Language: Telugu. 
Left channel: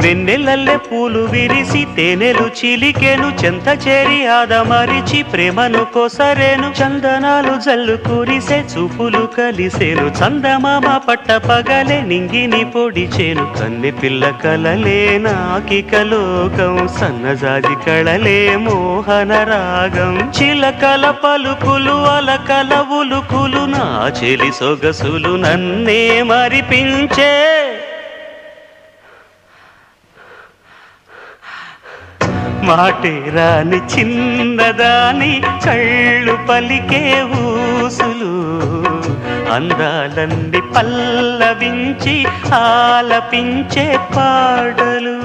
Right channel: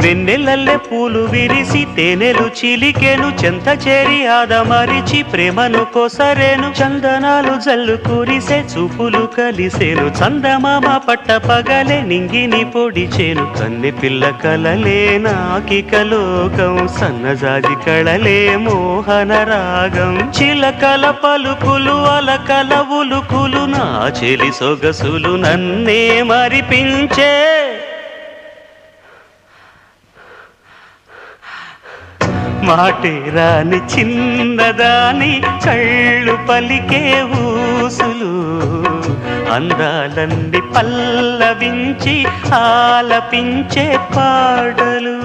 వెన్నెలల్లె పూలు విరిసి తేనెలు చిలికేను చెంత చేరి ఆదమరిచి ప్రేమను కొసరేను చందనాలు జల్లు కురిసే చూపులు కలిసేను చందమామ పట్ట పగలే నింగిని పొడిచేను కన్నె పిల్ల కలలే నాకిక లోకం సన్నజాజి కళలే మోహన రాగం చిలకల పలుకులు అలకల ఉలుకులు నా చెలి సొగసులు నన్నే మరిపించే మాటే రాని చిన్నదాని కళ్ళు పలికే ఊసులు అందాలన్నీ పల్లవించి ఆలపించే పాటలు